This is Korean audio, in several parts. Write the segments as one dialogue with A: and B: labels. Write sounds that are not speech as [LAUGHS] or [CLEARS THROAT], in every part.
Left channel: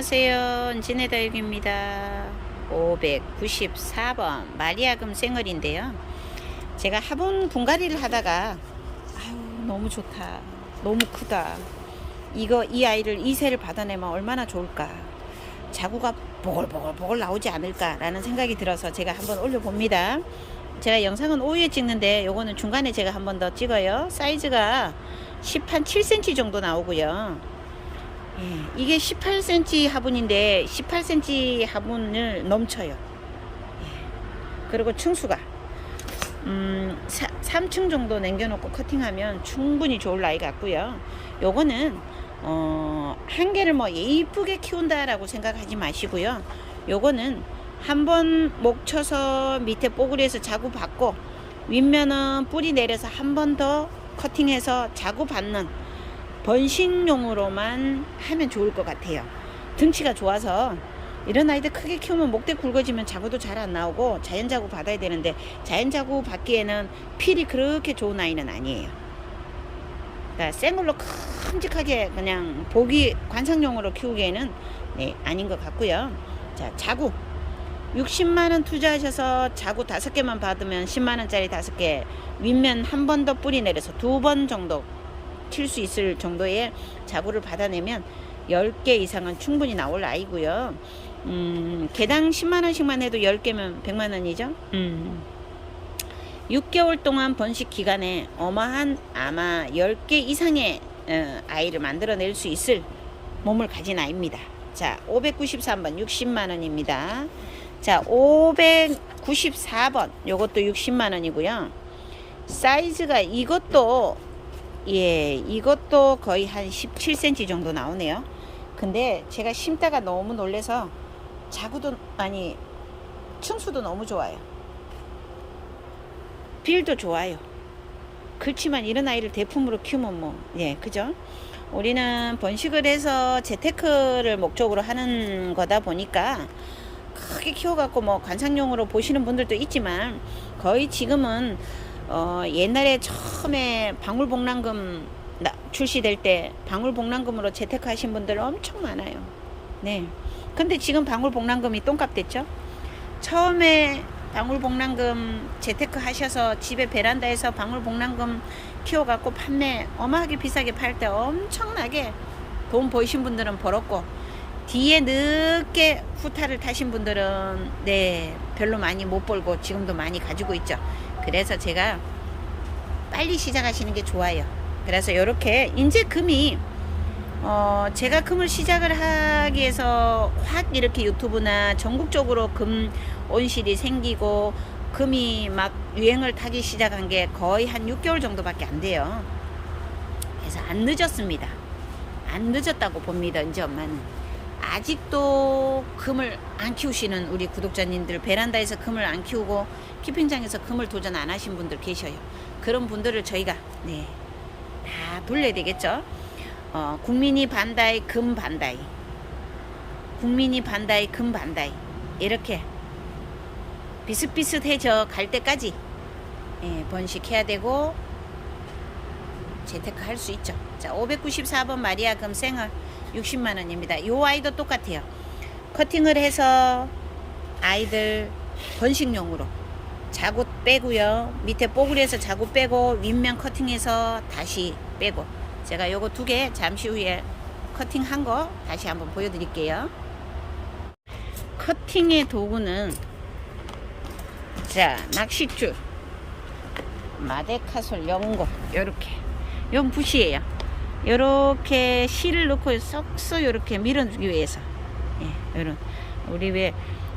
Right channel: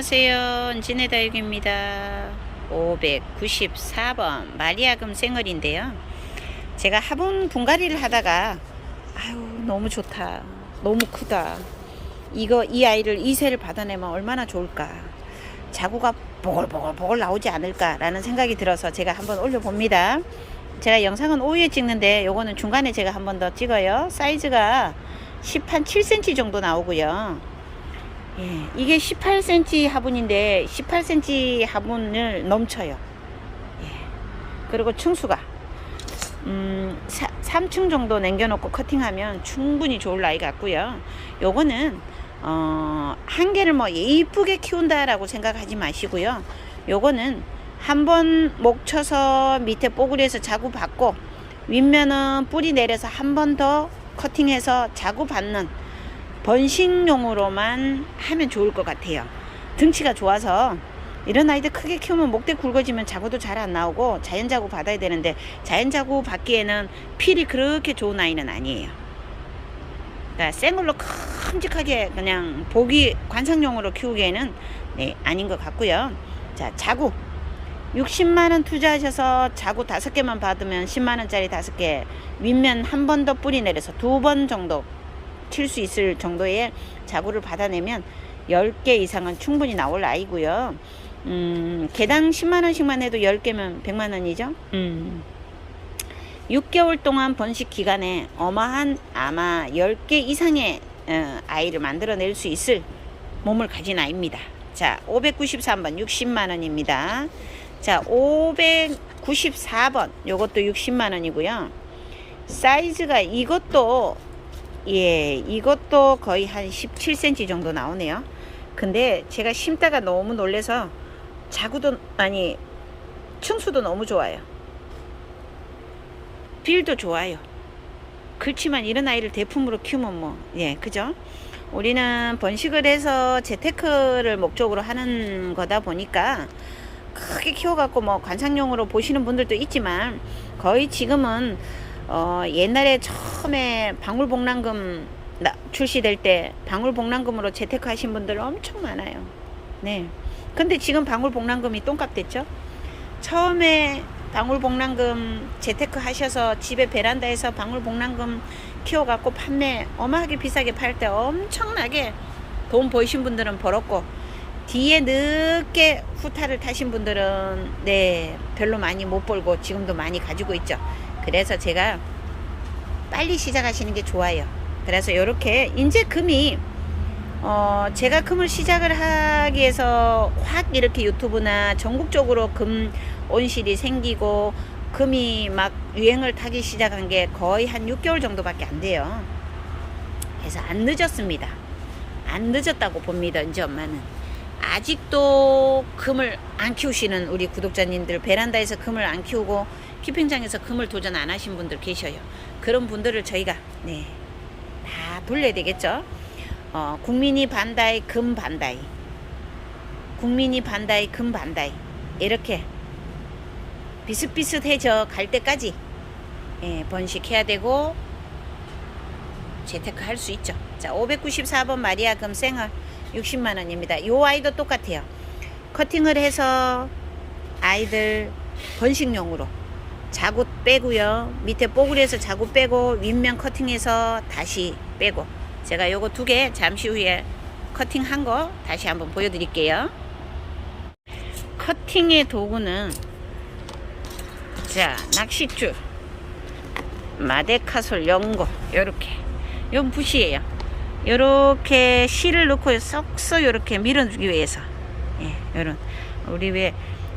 A: 안녕하세요. 진해다육입니다. 594번 마리아금 생얼인데요. 제가 화분 분갈이를 하다가 아유 너무 좋다. 너무 크다. 이거 이 아이를 이세를 받아내면 얼마나 좋을까. 자구가 보글보글보글 나오지 않을까라는 생각이 들어서 제가 한번 올려봅니다. 제가 영상은 오후에 찍는데 요거는 중간에 제가 한번 더 찍어요. 사이즈가 10한 7cm 정도 나오고요. 예, 이게 18cm 화분인데 18cm 화분을 넘쳐요. 예. 그리고 층수가 음, 3층 정도 남겨놓고 커팅하면 충분히 좋을 나이 같고요. 요거는 어, 한 개를 뭐 예쁘게 키운다라고 생각하지 마시고요. 요거는 한 번 목 쳐서 밑에 뽀글이에서 자구 받고 윗면은 뿌리 내려서 한 번 더 커팅해서 자구 받는 번식용으로만 하면 좋을 것 같아요. 등치가 좋아서 이런 아이들 크게 키우면 목대 굵어지면 자구도 잘 안 나오고 자연 자구 받아야 되는데 자연 자구 받기에는 필이 그렇게 좋은 아이는 아니에요. 그러니까 생걸로 큼직하게 그냥 보기 관상용으로 키우기에는 네, 아닌 것 같고요. 자, 자구 60만 원 투자하셔서 자구 다섯 개만 받으면 10만 원짜리 다섯 개 윗면 한 번 더 뿌리 내려서 두 번 정도 칠수 있을 정도의 자구를 받아내면 10개 이상은 충분히 나올 아이고요. 음, 개당 10만 원씩만 해도 10개면 100만 원이죠. 음. 6개월 동안 번식 기간에 어마한 아마 10개 이상의 어, 아이를 만들어낼 수 있을 몸을 가진 아이입니다. 자, 593번 60만 원입니다. 자, 594번 요것도 60만 원이고요. 사이즈가 이것도 예, 이것도 거의 한 17cm 정도 나오네요. 근데 제가 심다가 너무 놀래서 자구도 아니 층수도 너무 좋아요. 빌도 좋아요. 그렇지만 이런 아이를 대품으로 키우면 뭐, 예, 그죠? 우리는 번식을 해서 재테크를 목적으로 하는 거다 보니까 크게 키워갖고 뭐 관상용으로 보시는 분들도 있지만 거의 지금은 어, 옛날에 처음에 방울복랑금 나- 출시될 때 방울복랑금으로 재테크 하신 분들 엄청 많아요. 네. 근데 지금 방울복랑금이 똥값 됐죠? 처음에 방울복랑금 재테크 하셔서 집에 베란다에서 방울복랑금 키워갖고 판매 어마하게 비싸게 팔 때 엄청나게 돈 버신 분들은 벌었고 뒤에 늦게 후타를 타신 분들은 네 별로 많이 못 벌고 지금도 많이 가지고 있죠. 그래서 제가 빨리 시작하시는 게 좋아요. 그래서 이렇게 이제 금이 어 제가 금을 시작을 하기 위해서 확 이렇게 유튜브나 전국적으로 금 온실이 생기고 금이 막 유행을 타기 시작한 게 거의 한 6개월 정도밖에 안 돼요. 그래서 안 늦었습니다. 안 늦었다고 봅니다. 이제 엄마는. 아직도 금을 안 키우시는 우리 구독자님들 베란다에서 금을 안 키우고 키핑장에서 금을 도전 안 하신 분들 계셔요. 그런 분들을 저희가 네, 다 불러야 되겠죠. 어, 국민이 반다이 금 반다이 국민이 반다이 금 반다이 이렇게 비슷비슷해져 갈 때까지 예, 번식해야 되고 재테크 할 수 있죠. 자, 594번 마리아 금 생얼 60만 원입니다. 요 아이도 똑같아요. 커팅을 해서 아이들 번식용으로 자구 빼고요. 밑에 뽀글이에서 자구 빼고 윗면 커팅해서 다시 빼고 제가 요거 두 개 잠시 후에 커팅한 거 다시 한번 보여드릴게요. 커팅의 도구는 자 낚싯줄 마데카솔 연고 요렇게 요 붓이에요. 요렇게 실을 넣고 쏙쏙 요렇게 밀어주기 위해서. 예, 요런. 우리 왜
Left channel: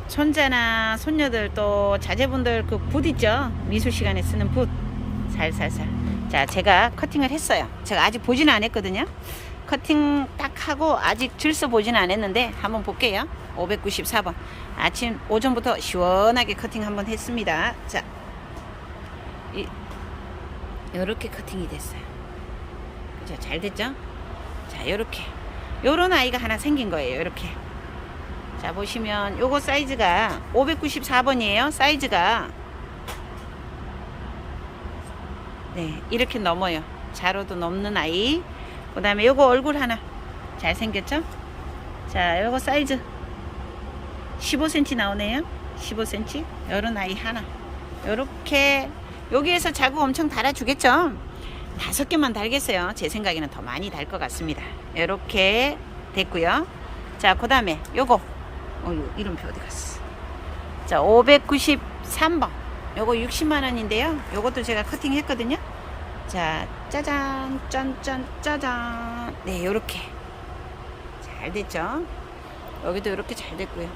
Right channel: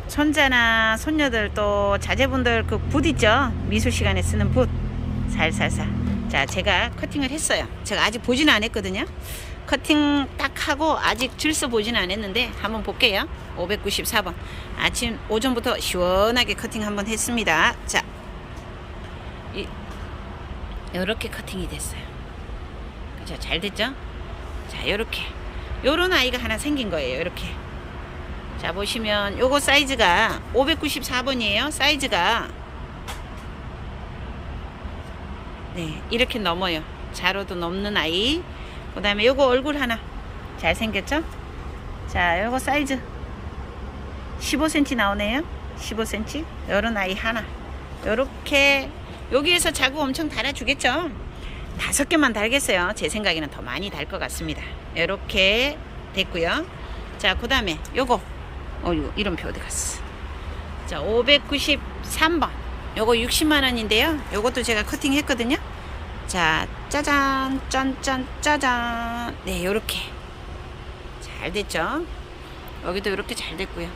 A: 손자나 손녀들 또 자제분들 그 붓 있죠? 미술 시간에 쓰는 붓. 살살살. 자 제가 커팅을 했어요. 제가 아직 보지는 않았거든요. 커팅 딱 하고 아직 줄서 보지는 않았는데 한번 볼게요. 594번. 아침 오전부터 시원하게 커팅 한번 했습니다. 자 이, 요렇게 커팅이 됐어요 그죠? 잘 됐죠? 자, 요렇게. 요런 아이가 하나 생긴 거예요. 요렇게. 자, 보시면 요거 사이즈가 594번이에요. 사이즈가 네, 이렇게 넘어요. 자로도 넘는 아이. 그 다음에 요거 얼굴 하나 잘 생겼죠? 자, 요거 사이즈 15cm 나오네요. 15cm. 요런 아이 하나. 요렇게 여기에서 자구 엄청 달아주겠죠? 다섯 개만 달겠어요. 제 생각에는 더 많이 달 것 같습니다. 요렇게 됐고요. 자, 그 다음에 요거. 어, 요 이름표 어디 갔어? 자, 593번. 요거 60만원인데요. 요것도 제가 커팅 했거든요. 자, 짜잔, 짠짠, 짜잔. 네, 요렇게. 잘 됐죠? 여기도 이렇게 잘 됐고요.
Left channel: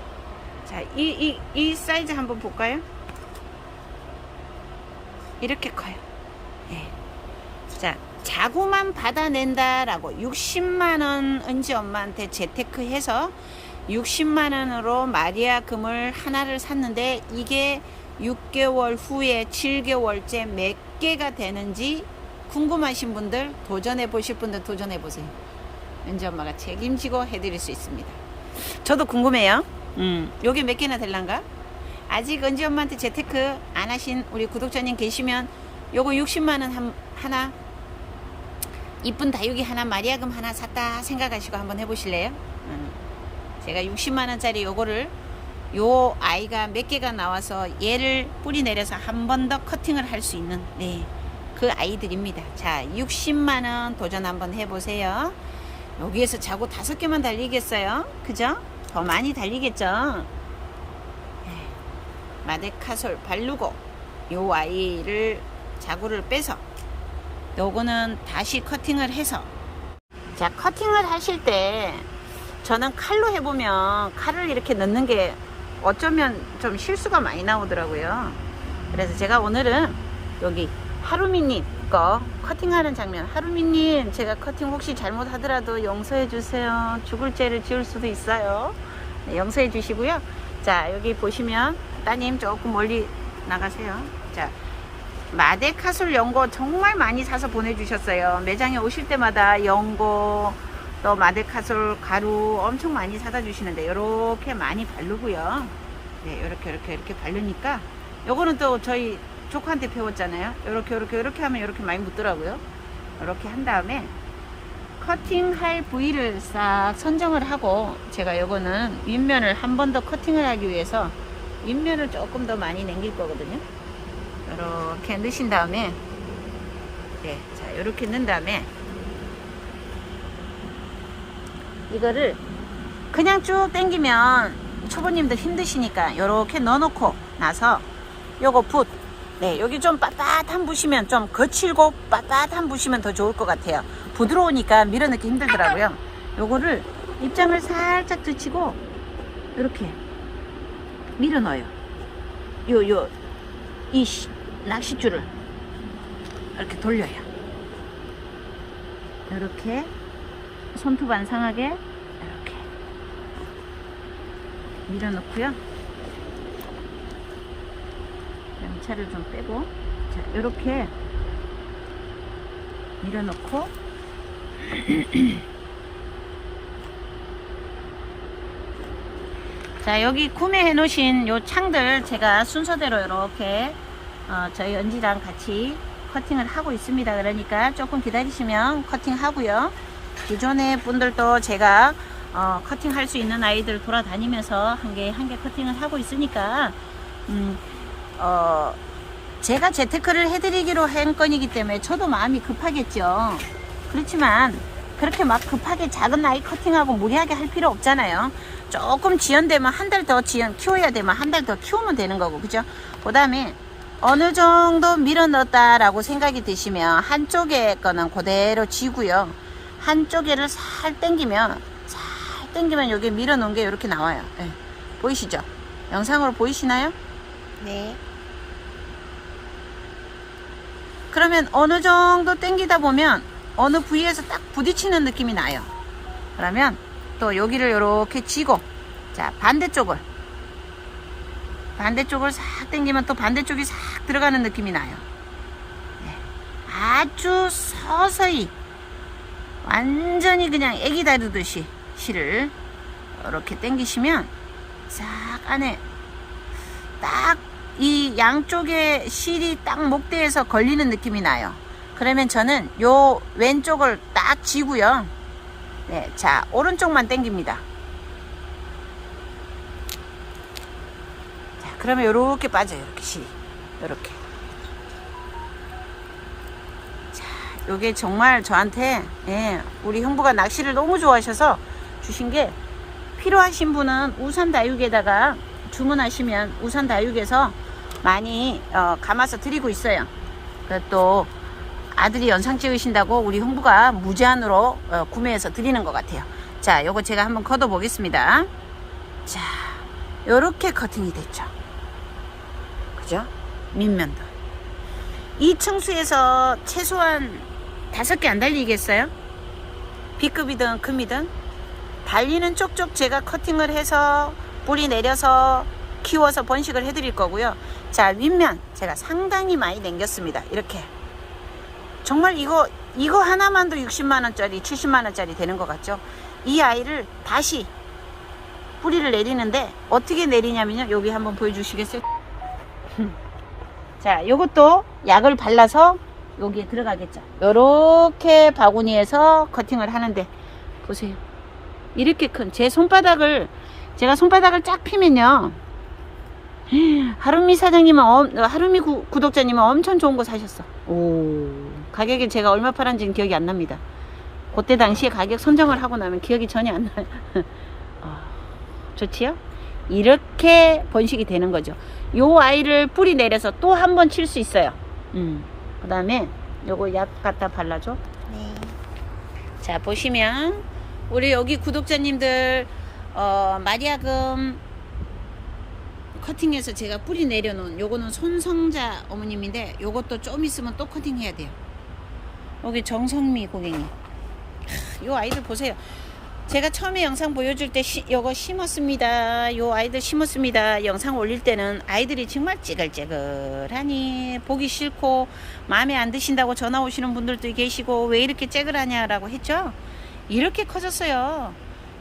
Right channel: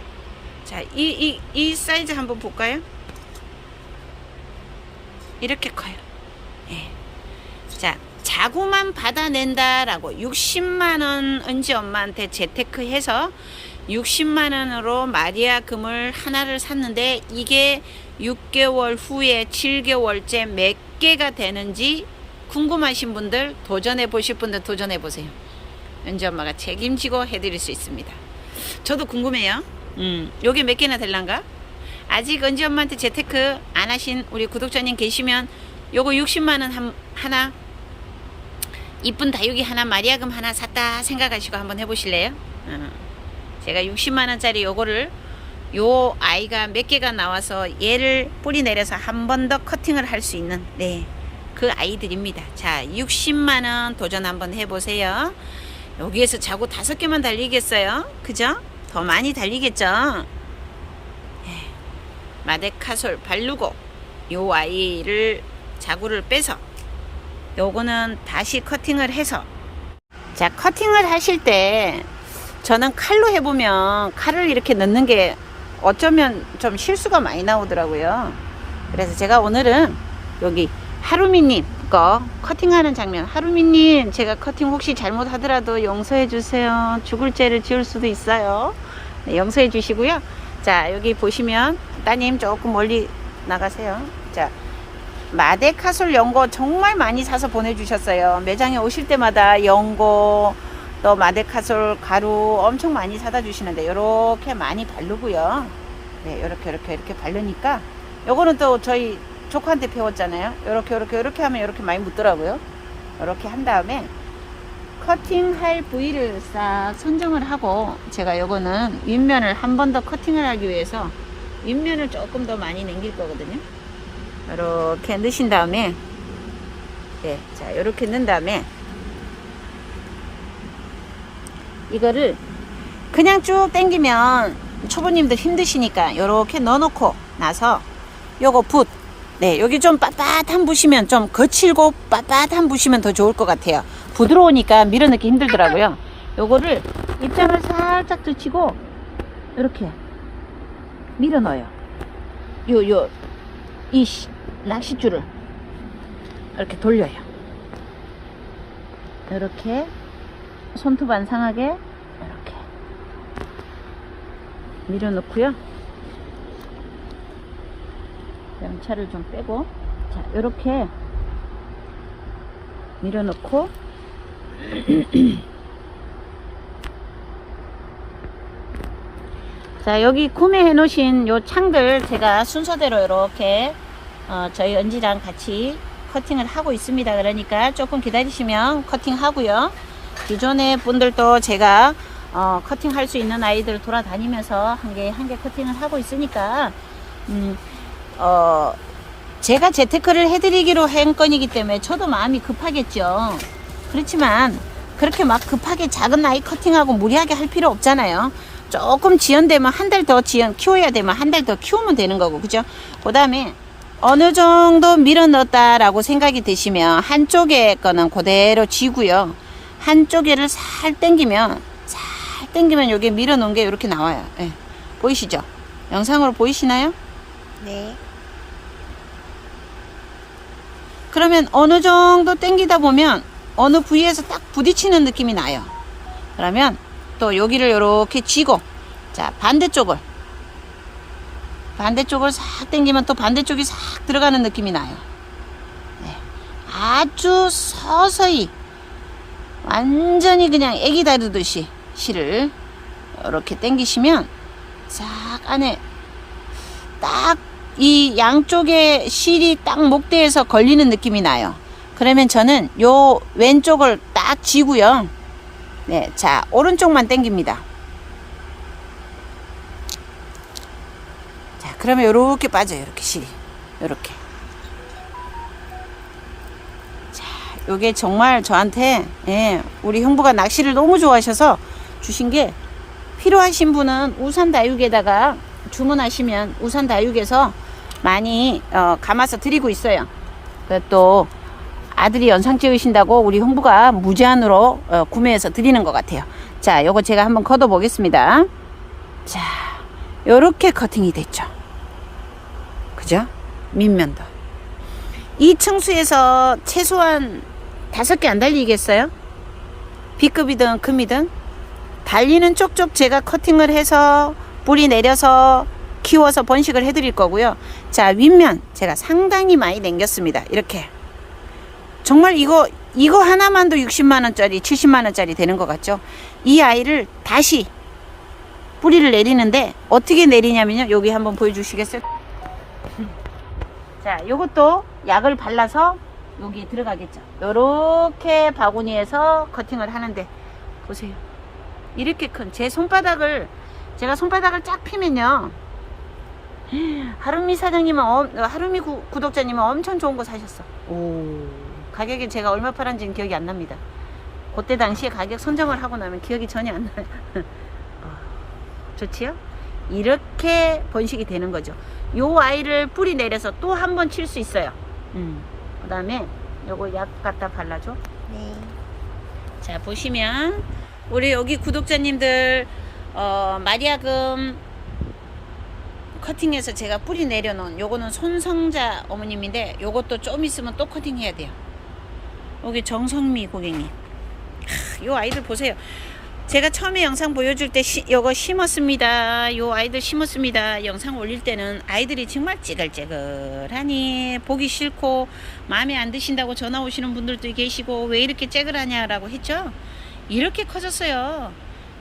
A: 자, 이, 이, 이 사이즈 한번 볼까요? 이렇게 커요. 예. 자, 자구만 받아낸다라고 60만 원 은지 엄마한테 재테크 해서 60만 원으로 마리아 금을 하나를 샀는데 이게 6개월 후에 7개월째 몇 개가 되는지 궁금하신 분들 도전해 보실 분들 도전해 보세요. 은지 엄마가 책임지고 해드릴 수 있습니다. 저도 궁금해요. 음, 요게 몇 개나 될란가? 아직 은지 엄마한테 재테크 안 하신 우리 구독자님 계시면 요거 60만 원 한, 하나 이쁜 다육이 하나 마리아금 하나 샀다 생각하시고 한번 해보실래요? 어. 제가 60만원짜리 요거를 요 아이가 몇 개가 나와서 얘를 뿌리 내려서 한 번 더 커팅을 할 수 있는 네. 그 아이들입니다. 자, 60만원 도전 한번 해보세요. 여기에서 자고 다섯 개만 달리겠어요? 그죠? 더 많이 달리겠죠? 예. 마데카솔 바르고 요 아이를 자구를 빼서 요거는 다시 커팅을 해서. 자 커팅을 하실 때 저는 칼로 해보면 칼을 이렇게 넣는 게 어쩌면 좀 실수가 많이 나오더라고요. 그래서 제가 오늘은 여기 하루미님 거 커팅하는 장면. 하루미님 제가 커팅 혹시 잘못하더라도 용서해 주세요. 죽을 죄를 지을 수도 있어요. 네, 용서해 주시고요. 자 여기 보시면 따님 조금 멀리 나가세요. 자 마데카솔 연고 정말 많이 사서 보내주셨어요 매장에 오실 때마다 연고 또 마데카솔 가루 엄청 많이 사다 주시는데 이렇게 많이 바르고요 네 이렇게 이렇게 이렇게 바르니까 요거는 또 저희 조카한테 배웠잖아요. 이렇게 이렇게 이렇게 하면 이렇게 많이 묻더라고요. 이렇게 한 다음에 커팅할 부위를 싹 선정을 하고 제가 요거는 윗면을 한 번 더 커팅을 하기 위해서 윗면을 조금 더 많이 남길 거거든요. 이렇게 넣으신 다음에 네, 자 이렇게 넣은 다음에 이거를 그냥 쭉 당기면 초보님들 힘드시니까 이렇게 넣어놓고 나서 요거 붓 네, 여기 좀 빳빳한 부시면 좀 거칠고 빳빳한 부시면 더 좋을 것 같아요. 부드러우니까 밀어넣기 힘들더라고요. 요거를 입장을 살짝 뒤치고 이렇게 밀어 넣어요. 요, 요, 이 시- 낚싯줄을 이렇게 돌려요. 이렇게 손톱 안 상하게 이렇게 밀어 넣고요. 양차를 좀 빼고 자 이렇게 밀어넣고 [CLEARS THROAT] 자 여기 구매해 놓으신 요 창들 제가 순서대로 이렇게 어, 저희 연지랑 같이 커팅을 하고 있습니다 그러니까 조금 기다리시면 커팅 하고요 기존의 분들도 제가 어, 커팅 할 수 있는 아이들 돌아다니면서 한 개 한 개 커팅을 하고 있으니까 음, 어, 제가 재테크를 해드리기로 한 건이기 때문에 저도 마음이 급하겠죠. 그렇지만 그렇게 막 급하게 작은 아이 커팅하고 무리하게 할 필요 없잖아요. 조금 지연되면 한 달 더 지연 키워야 되면 한 달 더 키우면 되는 거고 그죠? 그 다음에 어느 정도 밀어 넣었다라고 생각이 되시면 한쪽에 거는 그대로 지고요. 한쪽에를 살 당기면 살 당기면 여기 밀어 놓은 게 이렇게 나와요. 예. 보이시죠? 영상으로 보이시나요?
B: 네.
A: 그러면 어느 정도 당기다 보면 어느 부위에서 딱 부딪히는 느낌이 나요. 그러면 또 여기를 이렇게 쥐고 자 반대쪽을 반대쪽을 싹 당기면 또 반대쪽이 싹 들어가는 느낌이 나요. 네. 아주 서서히 완전히 그냥 애기 다루듯이 실을 이렇게 당기시면 싹 안에 딱 이 양쪽에 실이 딱 목대에서 걸리는 느낌이 나요. 그러면 저는 요 왼쪽을 딱 쥐고요. 네, 자 오른쪽만 당깁니다. 그러면 요렇게 빠져요. 이렇게 실이. 요렇게. 자, 요게 정말 저한테, 예, 우리 형부가 낚시를 너무 좋아하셔서 주신 게 필요하신 분은 우산 다육에다가 주문하시면 우산 다육에서 많이 어, 감아서 드리고 있어요. 그또 아들이 연상 찍으신다고 우리 홍부가 무제한으로 어, 구매해서 드리는 것 같아요. 자, 요거 제가 한번 걷어 보겠습니다. 자, 요렇게 커팅이 됐죠. 그죠? 밑면도. 이 층수에서 최소한 다섯 개 안 달리겠어요? B급이든 금이든 달리는 쪽쪽 제가 커팅을 해서 뿌리 내려서 키워서 번식을 해 드릴 거고요. 자 윗면 제가 상당히 많이 남겼습니다. 이렇게 정말 이거 이거 하나만도 60만 원짜리, 70만 원짜리 되는 것 같죠? 이 아이를 다시 뿌리를 내리는데 어떻게 내리냐면요. 여기 한번 보여주시겠어요? 자, 요것도 약을 발라서 여기에 들어가겠죠. 요렇게 바구니에서 커팅을 하는데 보세요. 이렇게 큰 제 손바닥을 제가 손바닥을 쫙 피면요. 하루미 사장님은 엄- 하루미 구, 구독자님은 엄청 좋은 거 사셨어. 오 가격이 제가 얼마 팔았는지는 기억이 안 납니다. 그때 당시에 가격 선정을 하고 나면 기억이 전혀 안 나요. 어, [LAUGHS] 좋지요? 이렇게 번식이 되는 거죠. 요 아이를 뿌리 내려서 또 한 번 칠 수 있어요. 음. 그 다음에 요거 약 갖다 발라줘.
B: 네.
A: 자 보시면 우리 여기 구독자님들 어, 마리아금 커팅해서 제가 뿌리 내려놓은 요거는 손성자 어머님인데 요것도 좀 있으면 또 커팅해야 돼요 여기 정성미 고객님 하, 요 아이들 보세요 제가 처음에 영상 보여줄 때 시, 요거 심었습니다. 요 아이들 심었습니다. 영상 올릴 때는 아이들이 정말 찌글찌글하니 보기 싫고 마음에 안 드신다고 전화 오시는 분들도 계시고 왜 이렇게 찌글하냐라고 했죠? 이렇게 커졌어요.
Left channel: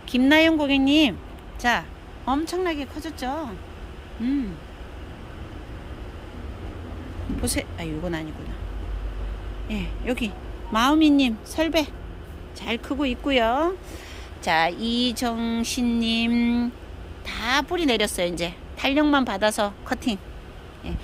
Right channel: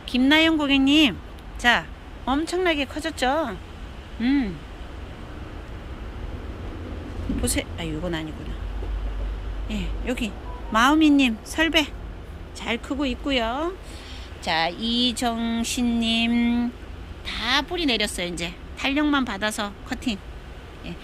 A: 김나영 고객님 자 엄청나게 커졌죠? 음. 보세요 아 이건 아니구나. 예 여기 마음이님 설배. 잘 크고 있고요 자 이정신님. 다 뿌리 내렸어요 이제. 탄력만 받아서 커팅. 예.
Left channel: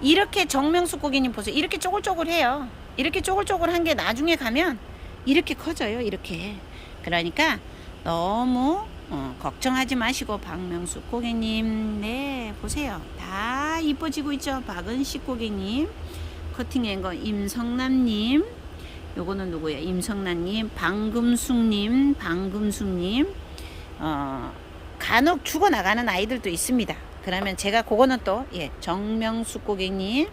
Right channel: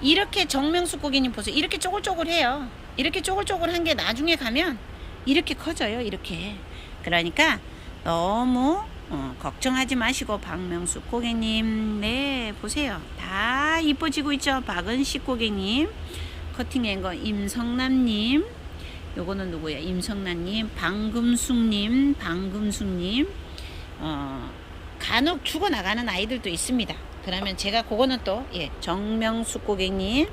A: 이렇게 정명수 고객님 보세요. 이렇게 쪼글쪼글해요. 이렇게 쪼글쪼글한 게 나중에 가면 이렇게 커져요 이렇게. 그러니까 너무 어, 걱정하지 마시고 박명수 고객님. 네 보세요. 다 이뻐지고 있죠? 박은식 고객님. 커팅한 거 임성남님 요거는 누구야 임성남님 방금숙님 방금숙님. 어, 간혹 죽어나가는 아이들도 있습니다. 그러면 제가 그거는 또 예, 정명숙 고객님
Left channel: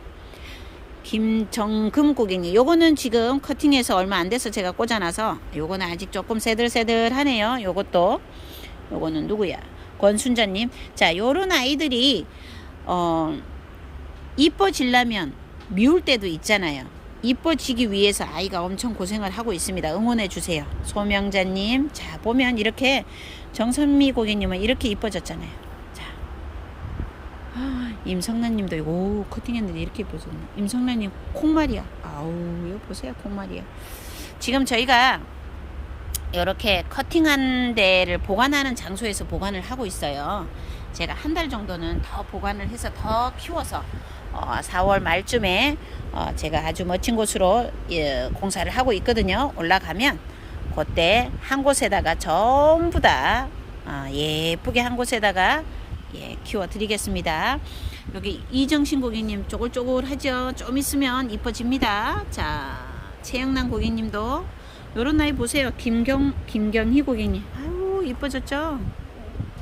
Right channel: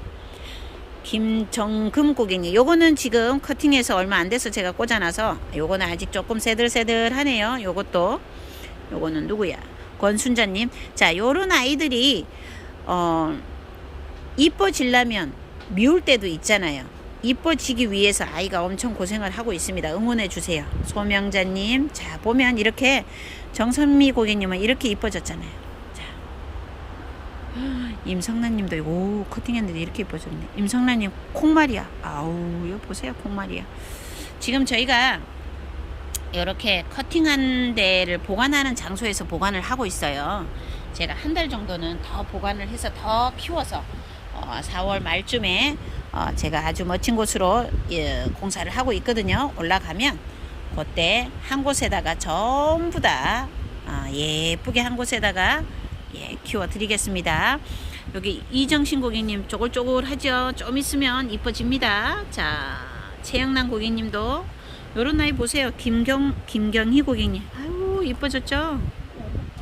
A: 김정금 고객님. 요거는 지금 커팅해서 얼마 안 돼서 제가 꽂아놔서 요거는 아직 조금 새들새들하네요. 요것도. 요거는 누구야? 권순자님. 자 요런 아이들이 어 이뻐지려면 미울 때도 있잖아요 이뻐지기 위해서 아이가 엄청 고생을 하고 있습니다. 응원해 주세요. 소명자님 자 보면 이렇게 정선미 고객님은 이렇게 이뻐졌잖아요. 자. 아, 임성란님도 오 커팅했는데 이렇게 이뻐졌네. 임성란님 콩말이야 아우 이거 보세요 콩말이야 지금 저희가 이렇게 커팅한 데를 보관하는 장소에서 보관을 하고 있어요. 제가 한 달 정도는 더 보관을 해서 더 키워서 어, 4월 말쯤에 어, 제가 아주 멋진 곳으로 예, 공사를 하고 있거든요. 올라가면 그때 한 곳에다가 전부 다 어, 예쁘게 한 곳에다가 예, 키워 드리겠습니다. 여기 이정신 고객님 쪼글쪼글하죠. 좀 있으면 이뻐집니다. 자, 최영란 고객님도 요런 나이 보세요. 김경 김경희 고객님. 아유 이뻐졌죠.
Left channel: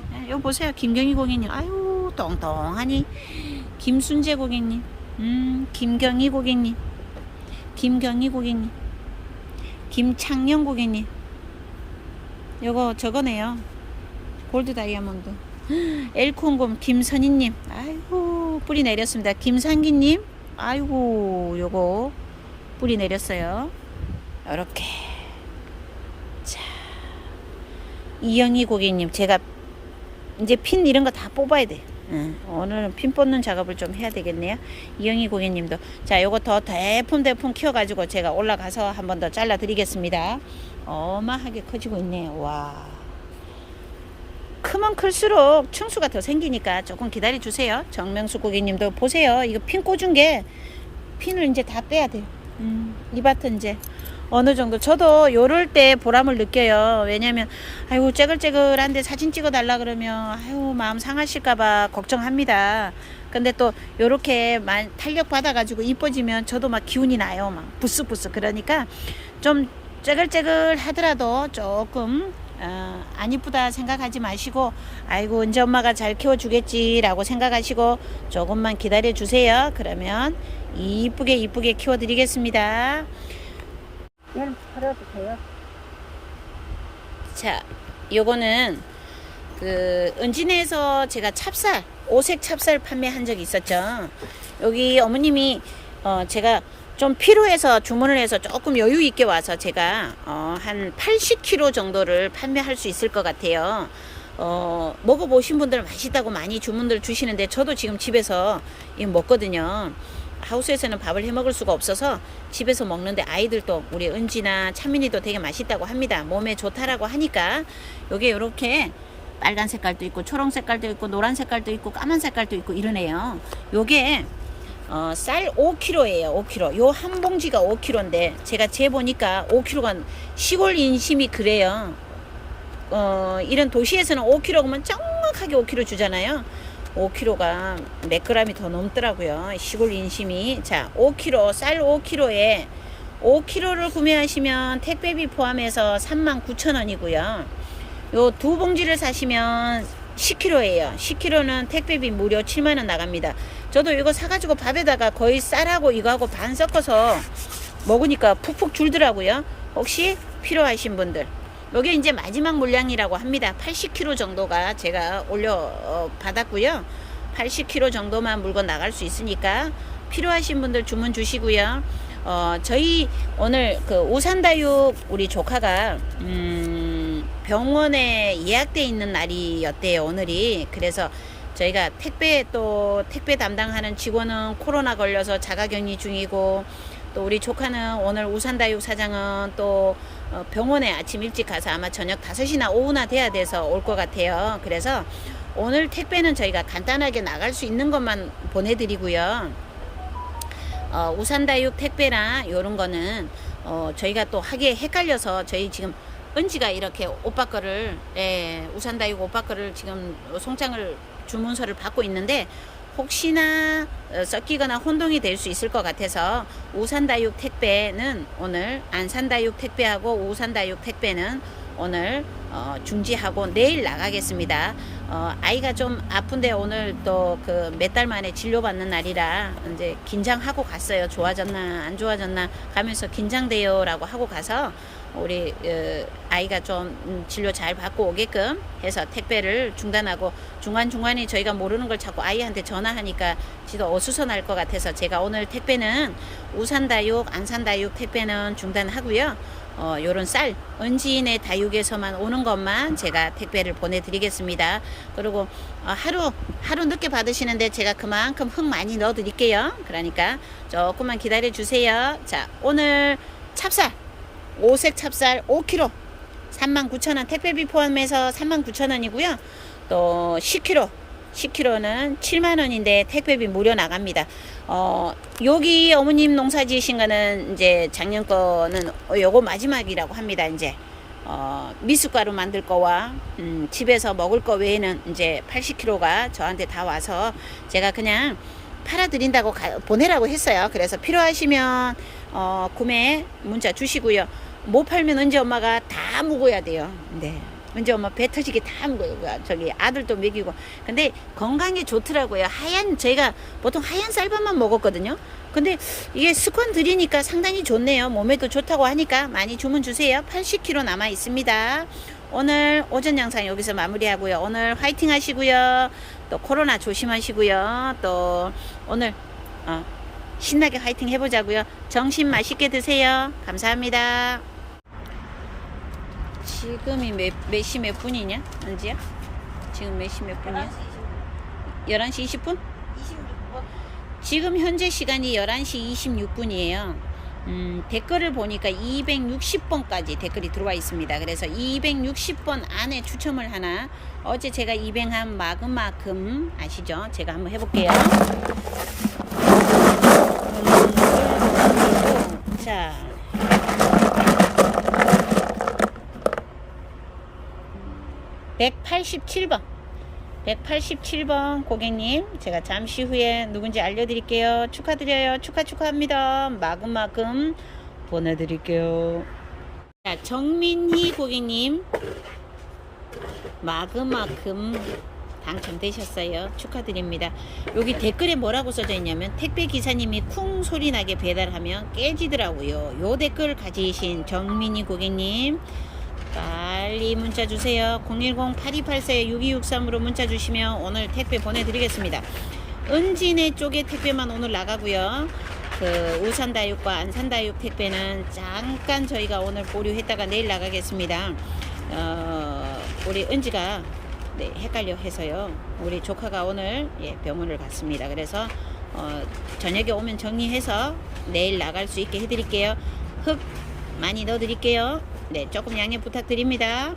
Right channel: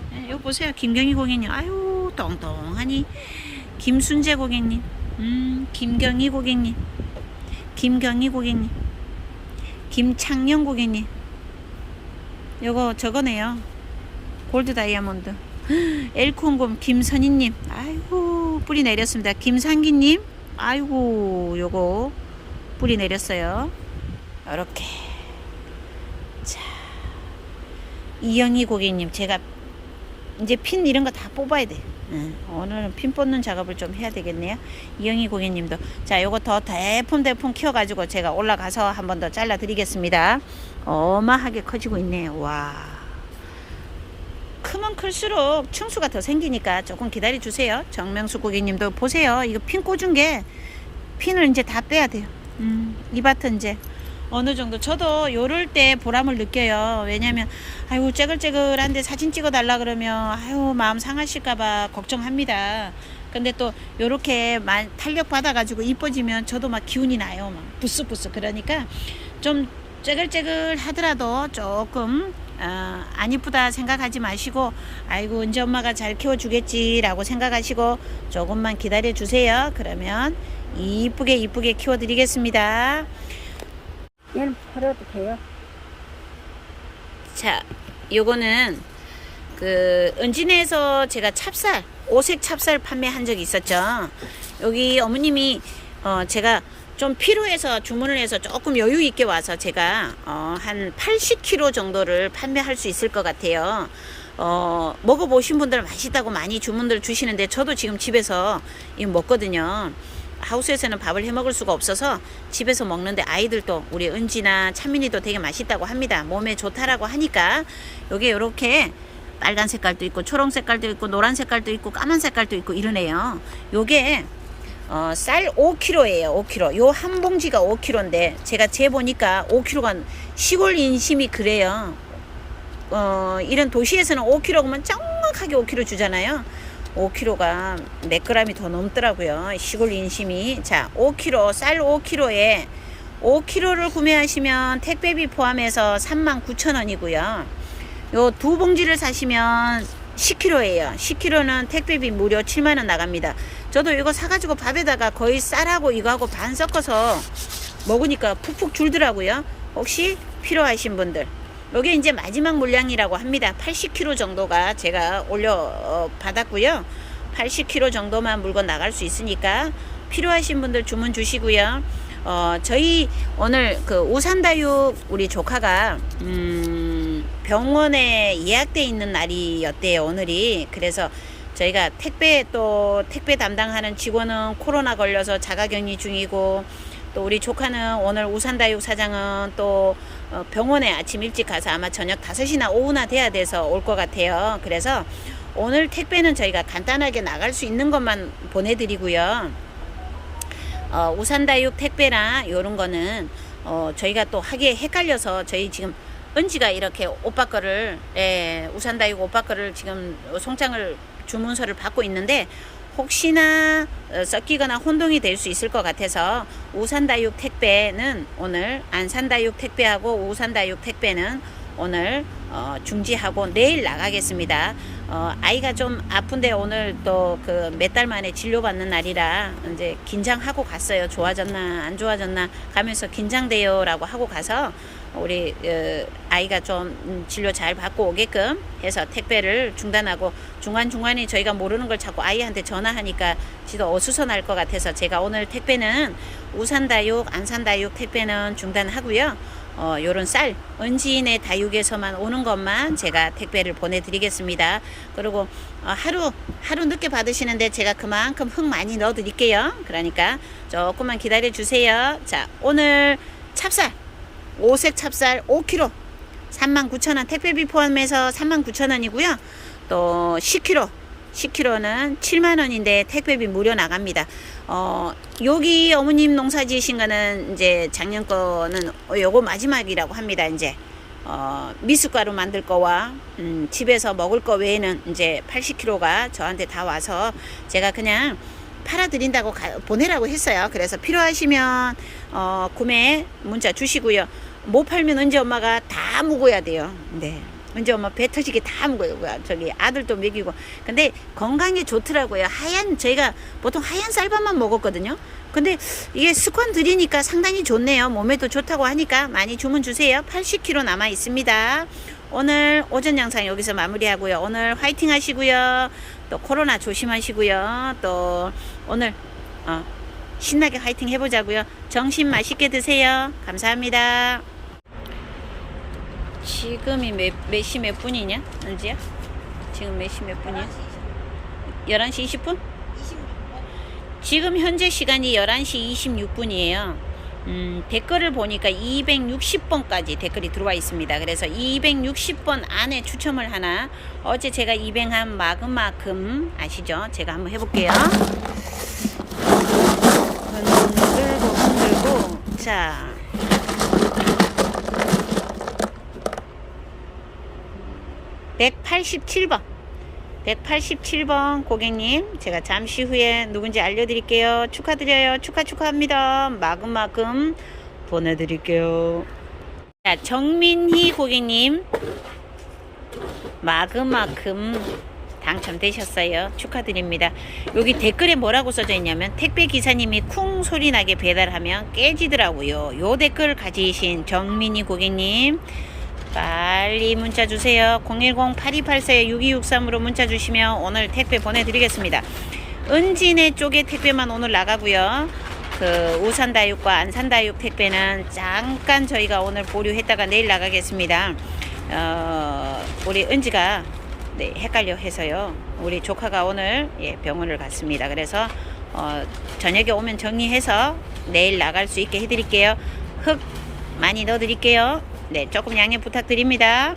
A: 네, 요 보세요. 김경희 고객님. 아유 똥똥하니. 김순재 고객님. 음 김경희 고객님. 김경희 고객님. 김창영 고객님. 요거 저거네요. 골드 다이아몬드. 엘콘곰 김선희님. 아이고 뿌리 내렸습니다. 김상기님. 아이고 요거 뿌리 내렸어요. 이렇게. 이영희 고객님 제가 이제 핀 이런 거 다 뽑아야 돼 응, 오늘은 핀 뽑는 작업을 좀 해야 되겠네요 이영희 고객님도 자 요거 더 대품대품 키워 가지고 제가 올라가서 한 번 더 잘라 드리겠습니다 어마하게 커지고 있네요 와 크면 클수록 충수가 더 생기니까 조금 기다려 주세요. 정명수 고객님도 보세요. 이거 핀 꽂은 게 핀을 이제 다 빼야 돼요. 음, 이 밭은 이제 어느 정도 저도 요럴 때 보람을 느껴요. 왜냐면 아이고 째글째글한데 사진 찍어 달라 그러면 아유 마음 상하실까봐 걱정합니다. 근데 또 요렇게 만 탄력 받아가지고 이뻐지면 저도 막 기운이 나요. 막 부스부스 그러니까 좀 째글째글 하더라도 조금 어, 안 이쁘다 생각하지 마시고 아이고 이제 엄마가 잘 키워주겠지라고 생각하시고 조금만 기다려 주세요. 그러면 이쁘게 이쁘게 키워 드리겠습니다.
B: 얘는 버려도 돼요.
A: 자, 요거는 그 은진에서 제가 찹쌀 오색 찹쌀 판매한 적이 있었죠. 여기 어머님이 어 제가 좀 필요해서 주문을 해서 조금 여유 있게 와서 제가 어 한 80kg 정도를 판매할 수 있을 것 같아요. 어 먹어보신 분들 맛있다고 많이 주문들 주시는데 저도 지금 집에서 이거 먹거든요. 하우스에서는 밥을 해 먹을 수가 없어서 집에서 먹는데 아이들도 우리 은지나 찬민이도 되게 맛있다고 합니다. 몸에 좋다라고 하니까 요게 요렇게 빨간 색깔도 있고 초록 색깔도 있고 노란 색깔도 있고 까만 색깔도 있고 이러네요. 요게 어, 쌀 5kg예요. 5kg. 요 한 봉지가 5kg인데 제가 재 보니까 5kg가 시골 인심이 그래요. 어, 이런 도시에서는 5kg면 정확하게 5kg 주잖아요. 5kg가 몇 g이 더 넘더라고요. 시골 인심이. 자, 5kg, 쌀 5kg에 5kg를 구매하시면 택배비 포함해서 39,000원이고요. 요 두 봉지를 사시면 10kg예요. 10kg는 택배비 무료 7만 원 나갑니다. 저도 이거 사가지고 밥에다가 거의 쌀하고 이거하고 반 섞어서 먹으니까 푹푹 줄더라고요. 혹시 필요하신 분들. 요게 이제 마지막 물량이라고 합니다. 80kg 정도가 제가 올려 어, 받았고요. 80kg 정도만 물건 나갈 수 있으니까 필요하신 분들 주문 주시고요. 어, 저희 오늘 그 우산다육 우리 조카가 음, 병원에 예약돼 있는 날이었대요. 오늘이. 그래서 저희가 택배 또 택배 담당하는 직원은 코로나 걸려서 자가격리 중이고 또 우리 조카는 오늘 우산다육 사장은 또 어, 병원에 아침 일찍 가서 아마 저녁 5시나 오후나 돼야 돼서 올 것 같아요. 그래서 오늘 택배는 저희가 간단하게 나갈 수 있는 것만 보내드리고요. 어, 우산다육 택배나 요런 거는 어, 저희가 또 하기에 헷갈려서 저희 지금 은지가 이렇게 오빠 거를 예, 우산다육 오빠 거를 지금 송장을 주문서를 받고 있는데 혹시나 어, 섞이거나 혼동이 될 수 있을 것 같아서 우산다육 택배는 오늘 안산다육 택배하고 우산다육 택배는 오늘 어, 중지하고 내일 나가겠습니다. 어, 아이가 좀 아픈데 오늘 또 그 몇 달 만에 진료받는 날이라 이제 긴장하고 갔어요. 좋아졌나 안 좋아졌나 가면서 긴장돼요라고 하고 가서 우리 어, 아이가 좀 음, 진료 잘 받고 오게끔 해서 택배를 중단하고 중간 중간에 저희가 모르는 걸 자꾸 아이한테 전화하니까 지도 어수선할 것 같아서 제가 오늘 택배는 우산다육, 안산다육 택배는 중단하고요. 어, 요런 쌀, 은지인의 다육에서만 오는 것만 제가 택배를 보내드리겠습니다. 그리고 어, 하루, 하루 늦게 받으시는데 제가 그만큼 흙 많이 넣어 드릴게요. 그러니까 조금만 기다려 주세요. 자, 오늘 찹쌀, 오색 찹쌀 5kg 39,000원 택배비 포함해서 39,000원이고요. 또 10kg 10kg는 7만원인데 택배비 무료 나갑니다. 어, 여기 어머님 농사 지으신 거는 이제 작년 거는 요거 마지막이라고 합니다. 이제. 어, 미숫가루 만들 거와 음, 집에서 먹을 거 외에는 이제 80kg가 저한테 다 와서 제가 그냥 팔아드린다고 가- 보내라고 했어요. 그래서 필요하시면 어, 구매 문자 주시고요. 못 팔면 은지 엄마가 다 묵어야 돼요. 네. 은지 엄마 배 터지게 다. 뭐야, 저기 아들도 먹이고. 근데 건강에 좋더라고요. 하얀 저희가 보통 하얀 쌀밥만 먹었거든요. 근데 이게 스콘 드리니까 상당히 좋네요. 몸에도 좋다고 하니까 많이 주문 주세요. 80kg 남아 있습니다. 오늘 오전 영상 여기서 마무리하고요. 오늘 화이팅 하시고요. 또 코로나 조심하시고요. 또 오늘 어, 신나게 화이팅 해보자고요. 점심 맛있게 드세요. 감사합니다. 지금이 몇, 몇 시 몇 분이냐? 은지야? 지금 몇 시 몇 분이야? 11시 20분?
B: 26번.
A: 지금 현재 시간이 11시 26분이에요. 음, 댓글을 보니까 260번까지 댓글이 들어와 있습니다. 그래서 260번 안에 추첨을 하나. 어제 제가 입행한 마그마금 아시죠? 제가 한번 해볼게요. 흔들고 흔들고 자. (187번) 187번 고객님 제가 잠시 후에 누군지 알려드릴게요. 축하드려요. 축하 축하합니다. 마금마금 보내드릴게요. 자 정민희 고객님. 마금마금 당첨되셨어요. 축하드립니다. 여기 댓글에 뭐라고 써져 있냐면 택배 기사님이 쿵 소리 나게 배달하면 깨지더라고요. 요 댓글 가지신 정민희 고객님 빨리 문자 주세요. 010-8284-6263으로 문자 주시면 오늘 택배 보내드리겠습니다. 은진의 쪽에 택배만 오늘 나가고요. 그 우산다육과 안산다육 택배는 잠깐 저희가 오늘 보류했다가 내일 나가겠습니다. 어, 우리 은지가 네, 헷갈려 해서요. 우리 조카가 오늘 예, 병원을 갔습니다. 그래서 어, 저녁에 오면 정리해서 내일 나갈 수 있게 해드릴게요. 흙 많이 넣어드릴게요. 네, 조금 양해 부탁드립니다.